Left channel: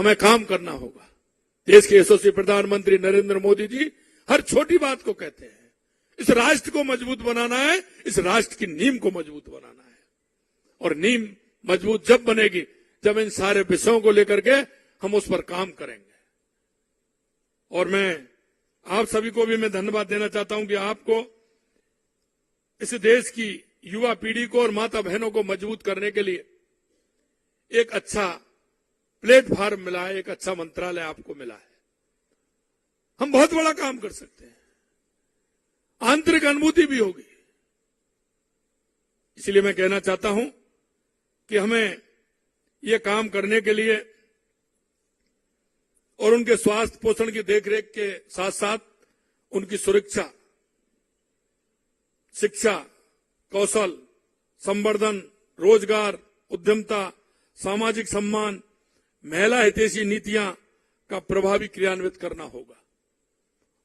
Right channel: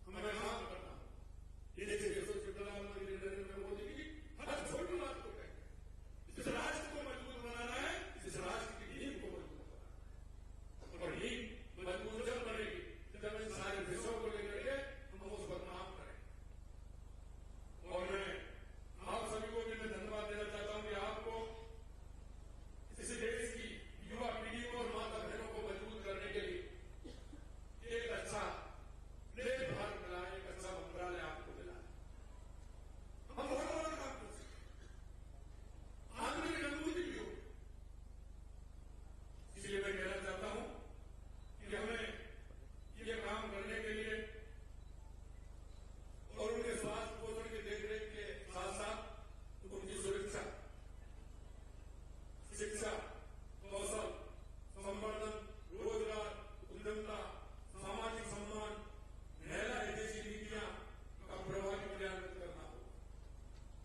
हमें काम करना होगा। देश के यशस्वी प्रधानमंत्री नरेंद्र मोदी जी हर छोटी बात को कहते हैं। इस राष्ट्र को मजबूत बनाना है, इस राष्ट्र की नींव को मजबूत बनाना है। और नींव मजबूत जब बनेगी जब इन सारे विषयों को लेकर के हम उस पर काम करेंगे। और मैं आप सभी को भी मैं धन्यवाद देना चाहता हूं कि आपको इस देश की युवा पीढ़ी को और माता बहनों को मजबूत करने के लिए एक अच्छा प्लेटफॉर्म मिला है, एक अच्छा मंत्रालय आपको मिला है। हम बहुत बड़ा काम कर सकते हैं, आंतरिक अनुभूति भी होगी। इसलिए मैं कहना चाहता हूं कि हमें ये काम करने के लिए और उनके स्वास्थ्य पोषण की देखरेख के साथ साथ उनकी सुरक्षा, शिक्षा, कौशल, संवर्धन, रोजगार, उद्यमता, सामाजिक सम्मान, महिला हितैषी नीतियां का प्रभावी क्रियान्वित करना होगा।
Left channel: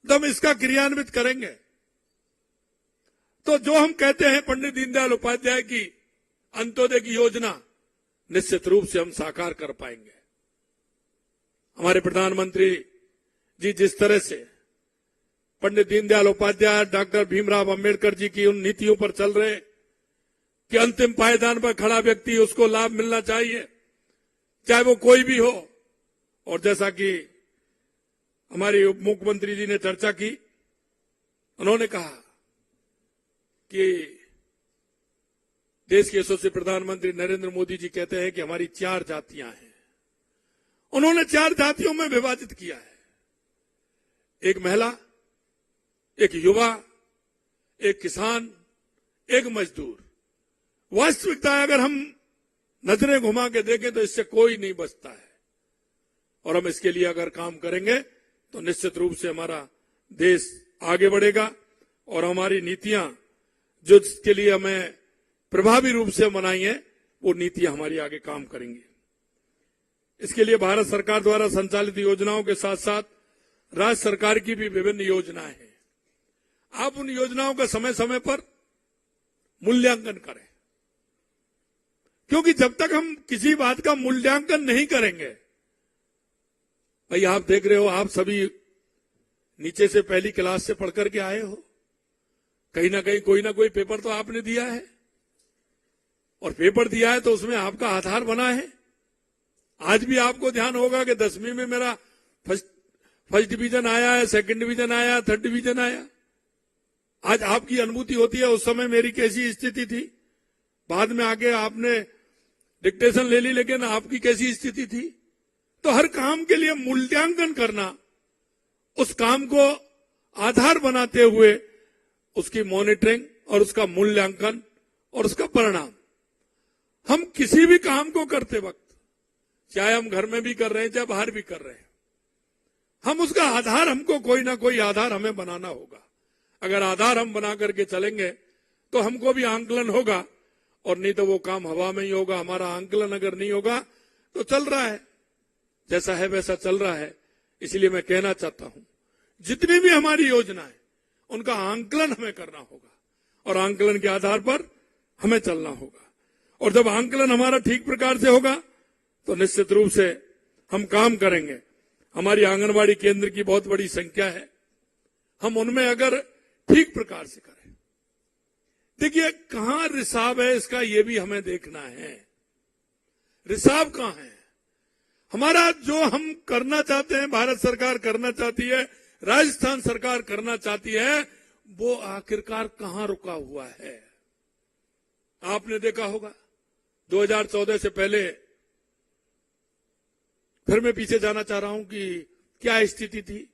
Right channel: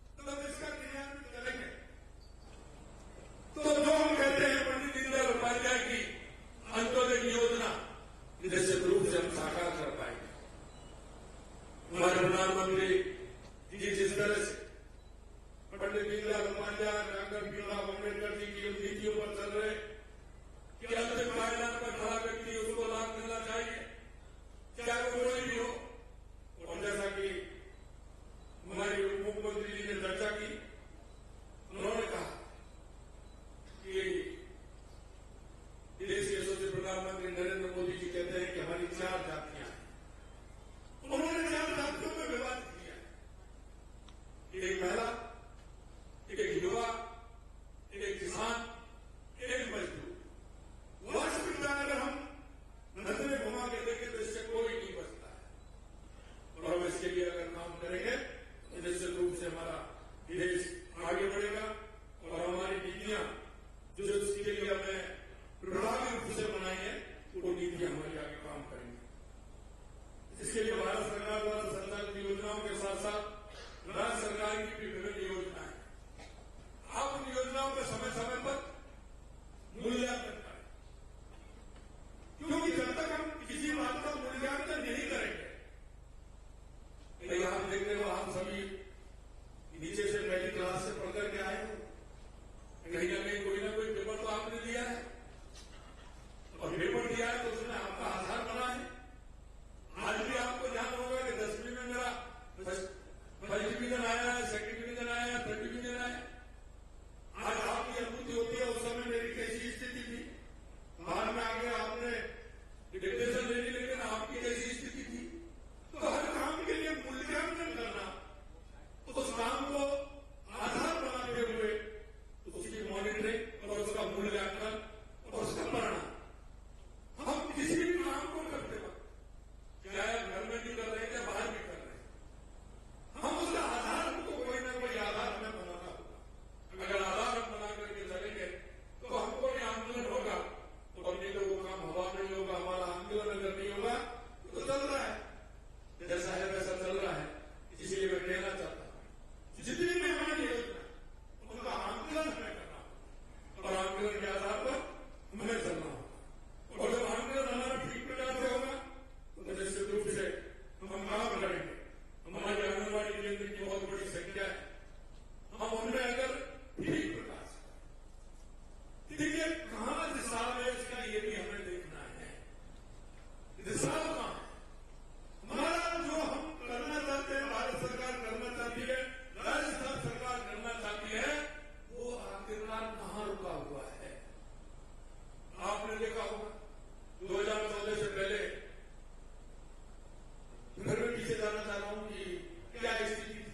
जब इसका क्रियान्वित करेंगे तो जो हम कहते हैं पंडित दीनदयाल उपाध्याय की अंत्योदय की योजना निश्चित रूप से हम साकार कर पाएंगे। हमारे प्रधानमंत्री जी जिस तरह से पंडित दीनदयाल उपाध्याय, डॉक्टर भीमराव अंबेडकर जी की उन नीतियों पर चल रहे कि अंतिम पायदान पर खड़ा व्यक्ति उसको लाभ मिलना चाहिए, चाहे वो कोई भी हो। और जैसा कि हमारे उप मुख्यमंत्री जी ने चर्चा की, उन्होंने कहा कि देश के यशस्वी प्रधानमंत्री नरेंद्र मोदी जी कहते हैं कि हमारी 4 जातियां हैं। उन्होंने 4 जातियों में विभाजित किया है, एक महिला, एक युवा, एक किसान, एक मजदूर। वास्तविकता अगर हम नजरें घुमा के देखें तो इससे कोई नहीं बचता है। और हम इसके लिए अगर काम करेंगे तो निश्चित रूप से हमारा देश आगे बढ़ेगा और हमारी नीतियां जो इसके लिए हमें प्रभावी रूप से बनाई है वो नीतियां हमारी आगे काम करेंगी। इसके लिए भारत सरकार द्वारा संचालित योजनाओं के साथ साथ राज्य सरकार की भी विभिन्न योजनाएं हैं। आप उन योजनाओं का समय समय पर मूल्यांकन करें, क्योंकि जब तक हम किसी बात का मूल्यांकन नहीं करेंगे, भाई आप देख रहे हो, आप सभी नीचे से पहली क्लास से पढ़ करके आए हो, कहीं ना कहीं कोई ना कोई पेपर तो आपने दिया है, और पेपर दिया है तो उसमें आपका आधार बना है। आज भी आपको ध्यान होगा कि 10वीं में मेरा फर्स्ट डिवीजन आया है, सेकंड डिवीजन आया, थर्ड डिवीजन आया। आज आपकी अनुभूति होती है उस समय मेरी कैसी स्थिति थी, बाद में आके आपने डिक्टेशन ले ली, लेकिन आपकी कैसी स्थिति थी। तो हर काम के लिए मूल्यांकन करना, उस काम को आधार बनाते हुए उसकी मॉनिटरिंग और उसका मूल्यांकन और उसका परिणाम। हम किसी भी काम को करते वक्त, चाहे हम घर में भी कर रहे हैं चाहे बाहर भी कर रहे हैं, हम उसका आधार, हमको कोई ना कोई आधार हमें बनाना होगा। अगर आधार हम बना करके चलेंगे तो हमको भी आंकलन होगा, और नहीं तो वो काम हवा में ही होगा। हमारा आंकलन अगर नहीं होगा तो चल रहा है, जैसा है वैसा चल रहा है। इसलिए मैं कहना चाहता हूं, जितनी भी हमारी योजना है उनका आंकलन हमें करना होगा, और आंकलन के आधार पर हमें चलना होगा। और जब आंकलन हमारा ठीक प्रकार से होगा तो निश्चित रूप से हम काम करेंगे। हमारी आंगनबाड़ी केंद्र की बहुत बड़ी संख्या है, हम उनमें अगर ठीक प्रकार से, देखिए कहां रिसाव है इसका ये भी हमें देखना है। रिसाव कहां है? हमारा जो हम करना चाहते हैं, भारत सरकार करना चाहती है, राजस्थान सरकार करना चाहती है, वो आखिरकार कहां रुका हुआ है? आपने देखा होगा 2014 से पहले, फिर मैं पीछे जाना चाह रहा हूं कि क्या स्थिति थी।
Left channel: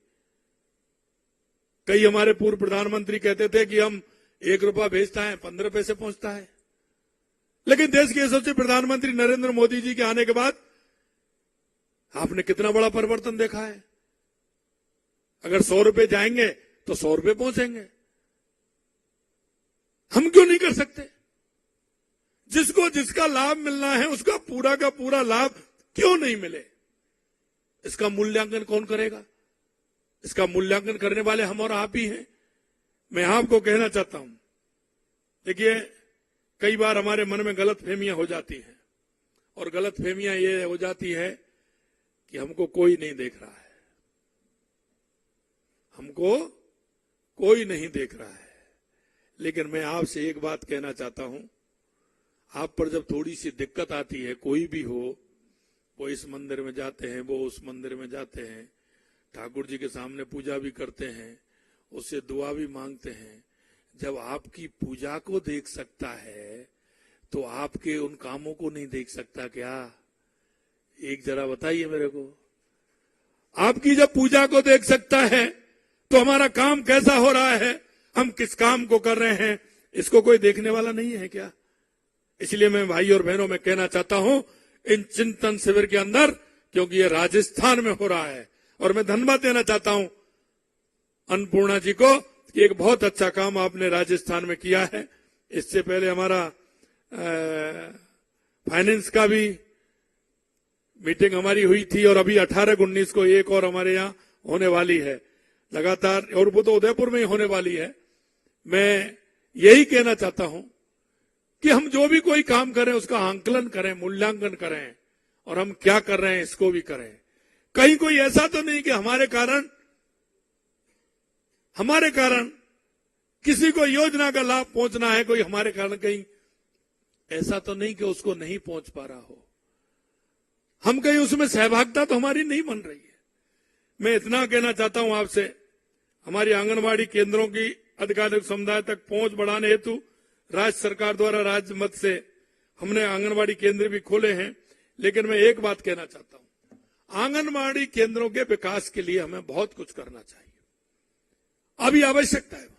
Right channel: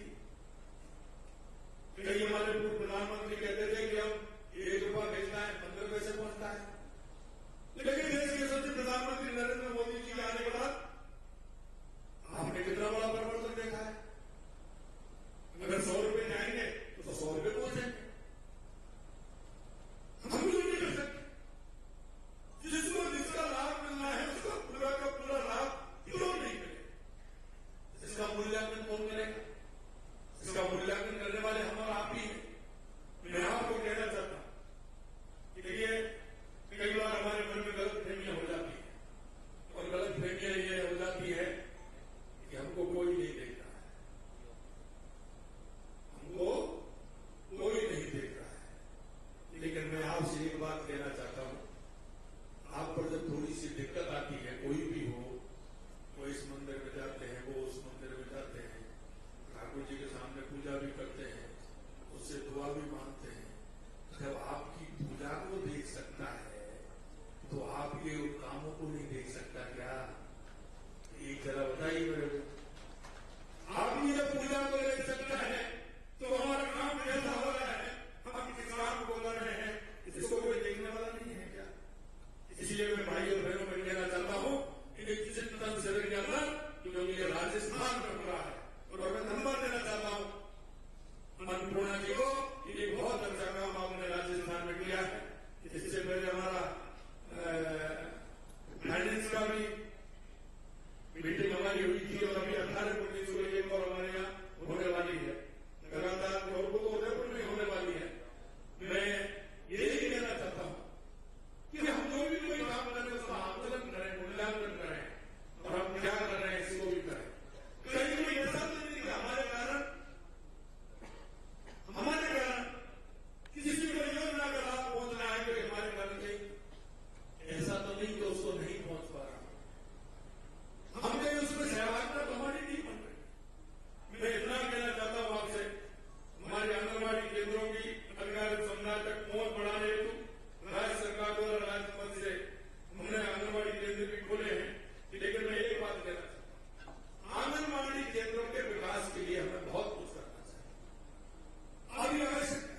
कई हमारे पूर्व प्रधानमंत्री कहते थे कि हम 1 रुपया भेजता है 15 पैसे पहुंचता है, लेकिन देश के यशस्वी प्रधानमंत्री नरेंद्र मोदी जी के आने के बाद आपने कितना बड़ा परिवर्तन देखा है। अगर 100 रुपए जाएंगे तो 100 रुपए पहुंचेंगे। हम क्यों नहीं कर सकते? जिसको जिसका लाभ मिलना है उसका पूरा का पूरा लाभ क्यों नहीं मिले? इसका मूल्यांकन कौन करेगा? इसका मूल्यांकन करने वाले हम और आप ही हैं। मैं आपको कहना चाहता हूं, देखिए कई बार हमारे मन में गलत फहमियां हो जाती हैं, और गलत फहमियां ये हो जाती है कि हमको कोई नहीं देख रहा है, हमको कोई नहीं देख रहा है। लेकिन मैं आपसे एक बात कहना चाहता हूं, आप पर जब थोड़ी सी दिक्कत आती है, कोई भी हो, वो इस मंदिर में जाते हैं, वो उस मंदिर में जाते हैं, ठाकुर जी के सामने पूजा भी करते हैं, उससे दुआ भी मांगते हैं। जब आपकी पूजा को देख सकता है तो आपके उन कामों को नहीं देख सकता क्या? एक जरा बताइए मेरे को। आपकी जब पूजा को देख सकता है तो हमारा काम कैसा हो रहा है, हम किस काम को कर रहे हैं, इसको कोई देखने वाला नहीं है क्या? इसलिए मैं भाई और बहनों में कहना चाहता हूं, इन चिंतन शिविर के अंदर, क्योंकि ये राजस्थान में हो रहा है, और मैं धन्यवाद देना चाहता हूं अन्नपूर्णा जी को, एक बहुत अच्छा काम आपने राजस्थान में किया है। इससे पहले हमारा फाइनेंस का भी मीटिंग हमारी हुई थी, और अभी 18-19 को एक और हमारे यहां होने वाली है लगातार, और वो तो उदयपुर में ही होने वाली है। मैं यही कहना चाहता हूं कि हम जो भी कोई काम करें उसका आंकलन करें, मूल्यांकन करें, और हम क्या कर रहे हैं इसको भी करें। कहीं कोई ऐसा तो नहीं कि हमारे कारण किसी को योजना का लाभ पहुंचना है, कोई हमारे कारण कहीं ऐसा तो नहीं कि उसको नहीं पहुंच पा रहा हो, हम कहीं उसमें सहभागिता तो हमारी नहीं बन रही। मैं इतना कहना चाहता हूं आपसे, हमारी आंगनबाड़ी केंद्रों की आधिकारिक समुदाय तक पहुंच बढ़ाने हेतु राज्य सरकार द्वारा राज्य मद से हमने आंगनबाड़ी केंद्र भी खोले हैं। लेकिन मैं एक बात कहना चाहता हूं, आंगनबाड़ी केंद्रों के विकास के लिए हमें बहुत कुछ करना चाहिए, अभी आवश्यकता है।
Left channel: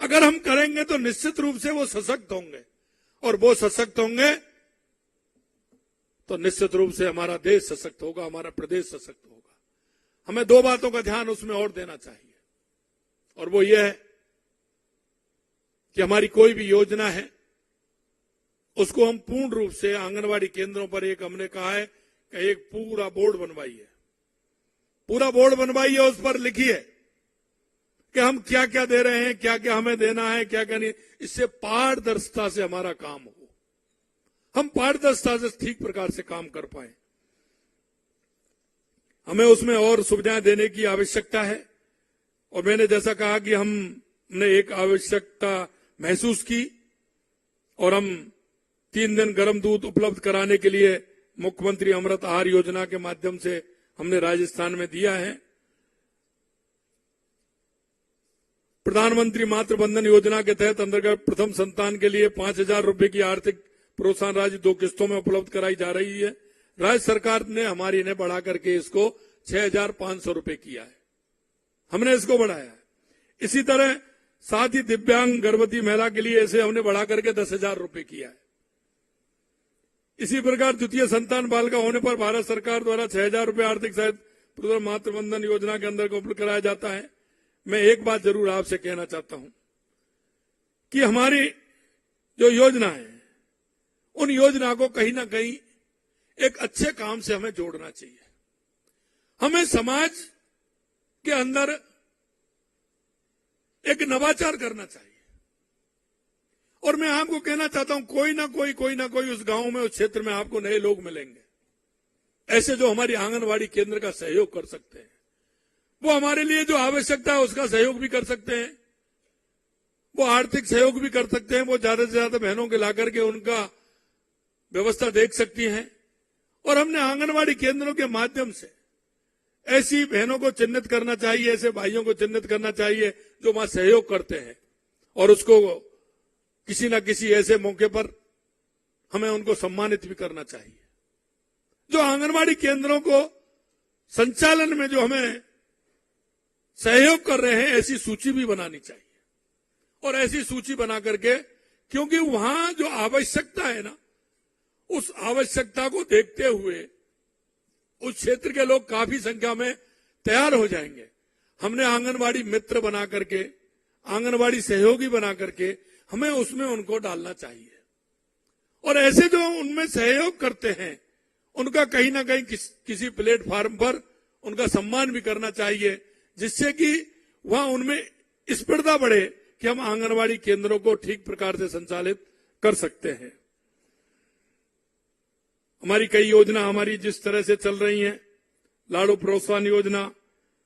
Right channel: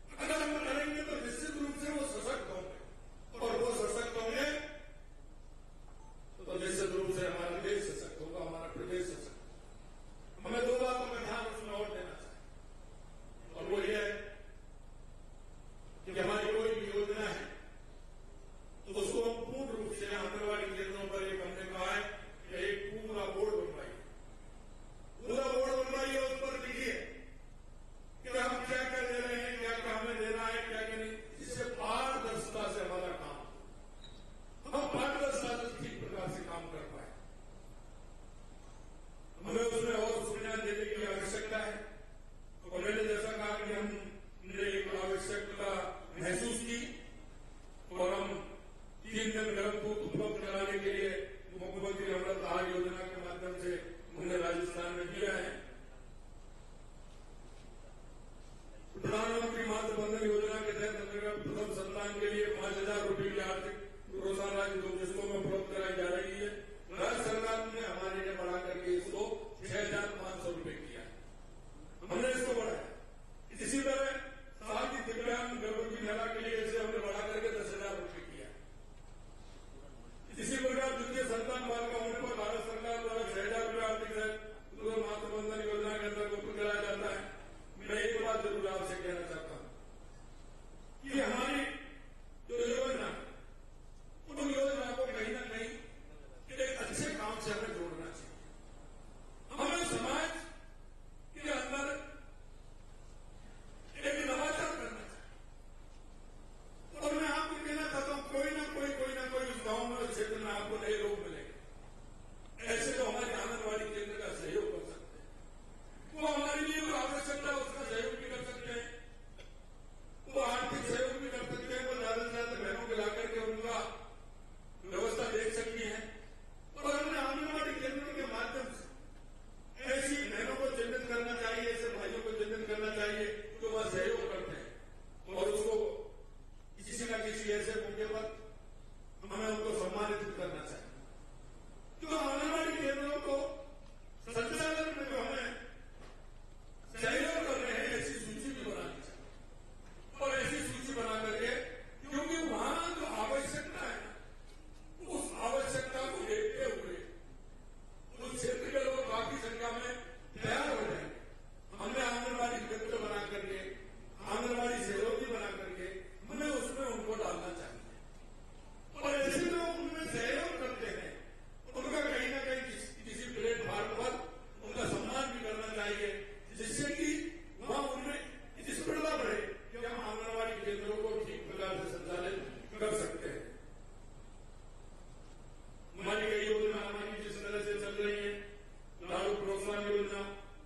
अगर हम करेंगे तो निश्चित रूप से वो सशक्त होंगे, और वो सशक्त होंगे तो निश्चित रूप से हमारा देश सशक्त होगा, हमारा प्रदेश सशक्त होगा। हमें दो बातों का ध्यान उसमें और देना चाहिए, और वो ये है कि हमारी कोई भी योजना है उसको हम पूर्ण रूप से आंगनबाड़ी केंद्रों पर, एक हमने कहा है कि एक पूरा बोर्ड बनवाइए, उस पर लिखिए कि हम क्या क्या दे रहे हैं, क्या क्या हमें देना है, क्या क्या नहीं। इससे पारदर्शिता से हमारा काम हो, हम पारदर्शिता से ठीक प्रकार से काम कर पाए। हमें उसमें और सुविधाएं देने की आवश्यकता है, और मैंने जैसा कहा कि हमने एक आवश्यकता महसूस की, और हम 3 दिन गर्म दूध उपलब्ध कराने के लिए मुख्यमंत्री अमृत आहार योजना के माध्यम से हमने राजस्थान में दिया है। प्रधानमंत्री मातृ बंधन योजना के तहत अंतर्गत प्रथम संतान के लिए 5,000 रुपए की आर्थिक प्रोत्साहन राशि 2 किस्तों में उपलब्ध कराई जा रही है। राज्य सरकार ने हमारी इन्हें बढ़ा करके इसको 6,500 रुपए किया है, हमने इसको बढ़ाया। इसी तरह साथ ही दिव्यांग गर्भवती महिला के लिए इसे हमने बढ़ा करके 10,000 रुपए किया है। इसी प्रकार द्वितीय संतान बालिका होने पर भारत सरकार द्वारा 6,000 रुपए आर्थिक सहायता मातृ बंधन योजना के अंदर उपलब्ध कराया जाता है। मैं एक बात जरूर आपसे कहना चाहता हूं कि हमारी जो योजना है, उन योजना को कहीं ना कहीं एक अच्छे काम से हमें जोड़ना चाहिए। हमें समाज के अंदर एक नवाचार करना चाहिए। और मैं आपको कहना चाहता हूं, कोई ना कोई उस गांव में, उस क्षेत्र में आपको नए लोग मिलेंगे ऐसे जो हमारी आंगनबाड़ी केंद्र का सहयोग कर सकते हैं। वो हमारे लिए जो आवश्यकता है उसका सहयोग भी कर सकते हैं, वो आर्थिक सहयोग भी कर सकते हैं, वो ज्यादा से ज्यादा बहनों के लाकर के उनका व्यवस्था देख सकती हैं। और हमने आंगनबाड़ी केंद्रों के माध्यम से ऐसी बहनों को चिन्हित करना चाहिए, ऐसे भाइयों को चिन्हित करना चाहिए जो वहां सहयोग करते हैं, और उसको किसी न किसी ऐसे मौके पर हमें उनको सम्मानित भी करना चाहिए। जो आंगनबाड़ी केंद्रों को संचालन में जो हमें सहयोग कर रहे हैं, ऐसी सूची भी बनानी चाहिए, और ऐसी सूची बना करके, क्योंकि वहां जो आवश्यकता है ना, उस आवश्यकता को देखते हुए उस क्षेत्र के लोग काफी संख्या में तैयार हो जाएंगे। हमने आंगनबाड़ी मित्र बना करके, आंगनबाड़ी सहयोगी बना करके हमें उसमें उनको डालना चाहिए, और ऐसे जो उनमें सहयोग करते हैं उनका कहीं ना कहीं किसी प्लेटफॉर्म पर उनका सम्मान भी करना चाहिए, जिससे कि वहां उनमें स्पर्धा बढ़े कि हम आंगनबाड़ी केंद्रों को ठीक प्रकार से संचालित कर सकते हैं। हमारी कई योजना हमारी जिस तरह से चल रही हैं, लाड़ू प्रोत्साहन योजना,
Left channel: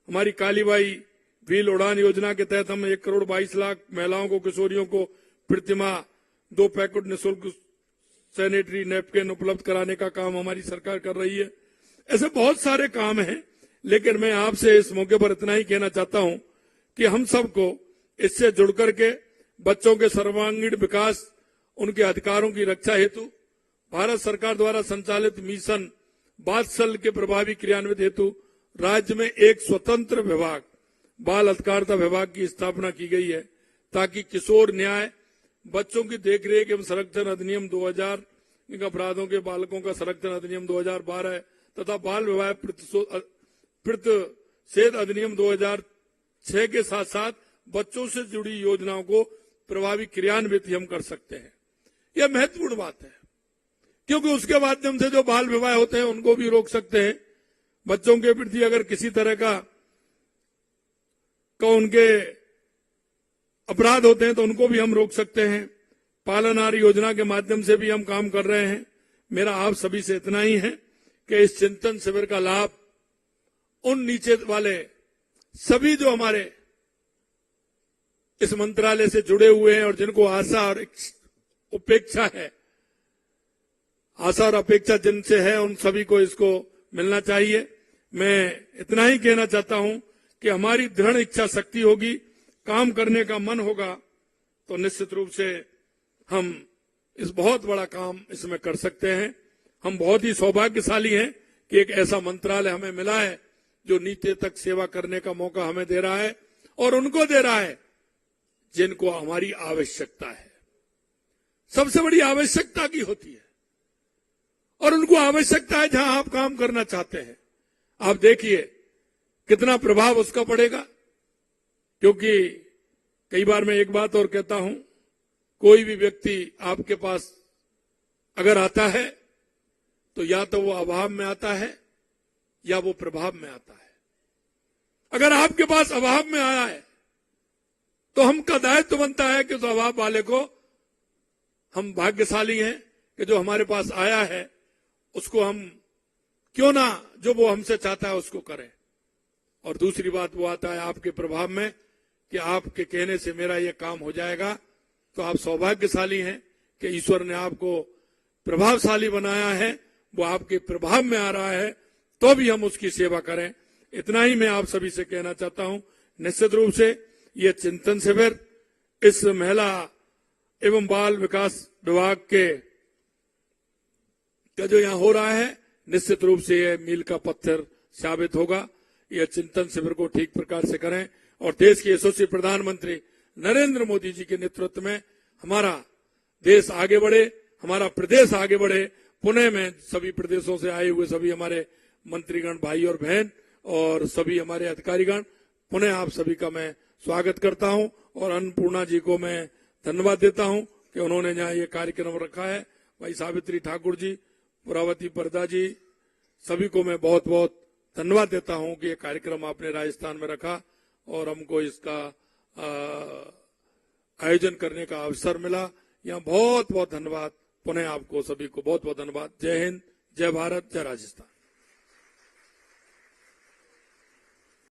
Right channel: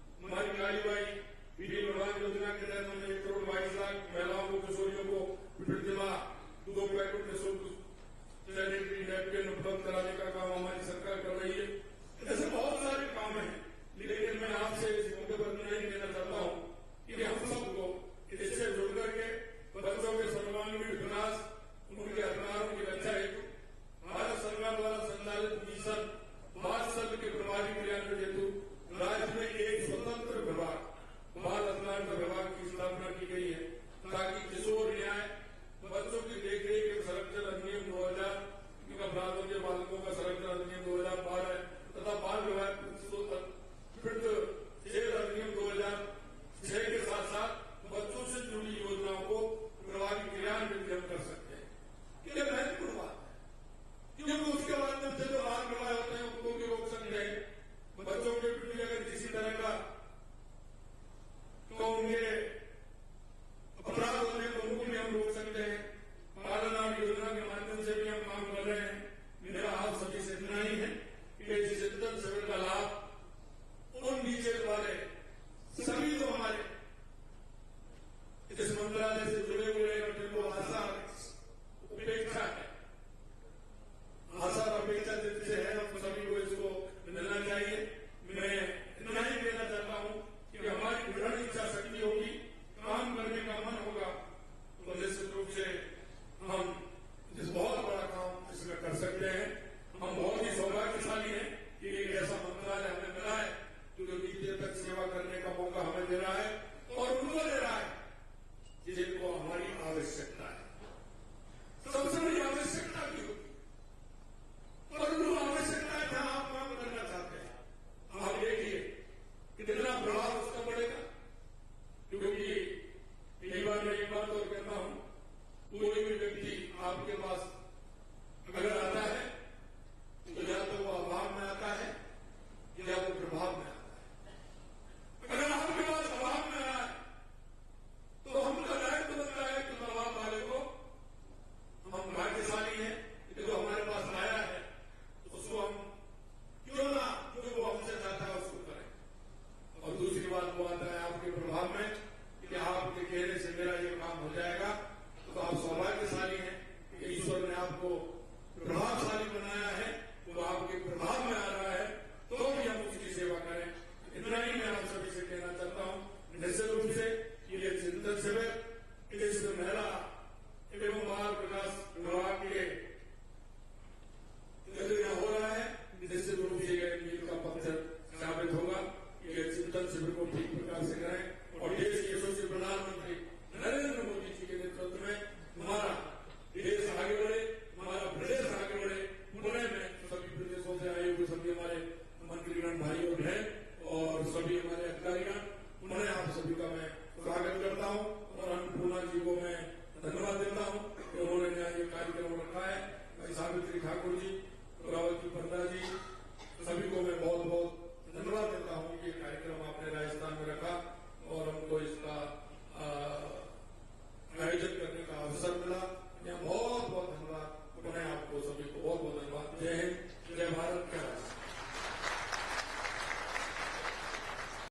हमारी कालीबाई व्हील उड़ान योजना के तहत हम 1,22,00,000 महिलाओं को, किशोरियों को प्रतिमाह 2 पैकेट निःशुल्क सैनिटरी नैपकिन उपलब्ध कराने का काम हमारी सरकार कर रही है। ऐसे बहुत सारे काम हैं, लेकिन मैं आपसे इस मौके पर इतना ही कहना चाहता हूं कि हम सबको इससे जुड़ करके बच्चों के सर्वांगीण विकास, उनके अधिकारों की रक्षा हेतु भारत सरकार द्वारा संचालित मिशन वात्सल्य के प्रभावी क्रियान्वित हेतु राज्य में एक स्वतंत्र विभाग, बाल अधिकारिता विभाग की स्थापना की गई है, ताकि किशोर न्याय, बच्चों की देखरेख एवं संरक्षण अधिनियम 2000, अपराधों के बालकों का संरक्षण अधिनियम 2012 तथा बाल विवाह प्रतिषेध अधिनियम 2006 के साथ साथ बच्चों से जुड़ी योजनाओं को प्रभावी क्रियान्वित हम कर सकते हैं। यह महत्वपूर्ण बात है, क्योंकि उसके माध्यम से जो बाल विवाह होते हैं उनको भी रोक सकते हैं। बच्चों के प्रति अगर किसी तरह का उनके अपराध होते हैं तो उनको भी हम रोक सकते हैं। पालनहार योजना के माध्यम से भी हम काम कर रहे हैं। मेरा आप सभी से इतना ही है कि इस चिंतन शिविर का लाभ उन नीचे वाले सभी जो हमारे इस मंत्रालय से जुड़े हुए हैं और जिनको आशा और उपेक्षा है, आशा और अपेक्षा जिनसे है, उन सभी को इसको मिलना चाहिए। मैं इतना ही कहना चाहता हूं कि हमारी दृढ़ इच्छा शक्ति होगी, काम करने का मन होगा, तो निश्चित रूप से हम इस बहुत बड़ा काम इसमें कर सकते हैं। हम बहुत ही सौभाग्यशाली हैं कि एक ऐसा मंत्रालय हमें मिला है जो नीचे तक सेवा करने का मौका हमें दे रहा है और उनको दे रहा है जिनको हमारी आवश्यकता है। सबसे बड़ी आवश्यकता की होती है और उनको आवश्यकता है जहां आप काम करना चाहते हैं। आप देखिए कितना प्रभाव उसका पड़ेगा, क्योंकि कई बार मैं एक बात और कहता हूं, कोई भी व्यक्ति आपके पास अगर आता है तो या तो वो अभाव में आता है या वो प्रभाव में आता है। अगर आपके पास अभाव में आया है तो हमका दायित्व बनता है कि उस अभाव वाले को, हम भाग्यशाली हैं कि जो हमारे पास आया है उसको हम क्यों ना जो वो हमसे चाहता है उसको करें। और दूसरी बात वो आता है आपके प्रभाव में कि आपके कहने से मेरा ये काम हो जाएगा, तो आप सौभाग्यशाली हैं कि ईश्वर ने आपको प्रभावशाली बनाया है, वो आपके प्रभाव में आ रहा है, तो भी हम उसकी सेवा करें। इतना ही मैं आप सभी से कहना चाहता हूं। निश्चित रूप से ये चिंतन शिविर इस महिला एवं बाल विकास विभाग के जो यहां हो रहा है, निश्चित रूप से यह मील का पत्थर साबित होगा। यह चिंतन शिविर को ठीक प्रकार से करें और देश के यशस्वी प्रधानमंत्री नरेंद्र मोदी जी के नेतृत्व में हमारा देश आगे बढ़े, हमारा प्रदेश आगे बढ़े। पुणे में सभी प्रदेशों से आए हुए सभी हमारे मंत्रीगण भाई और बहन और सभी हमारे अधिकारीगण, पुणे आप सभी का मैं स्वागत करता हूं और अन्नपूर्णा जी को मैं धन्यवाद देता हूं कि उन्होंने यहाँ ये कार्यक्रम रखा है। भाई सावित्री ठाकुर जी, पुरावती परदा जी, सभी को मैं बहुत बहुत धन्यवाद देता हूं कि ये कार्यक्रम आपने राजस्थान में रखा और हमको इसका आयोजन करने का अवसर मिला। यहाँ बहुत बहुत धन्यवाद। पुनः आपको सभी को बहुत बहुत धन्यवाद। जय हिंद, जय भारत, जय राजस्थान।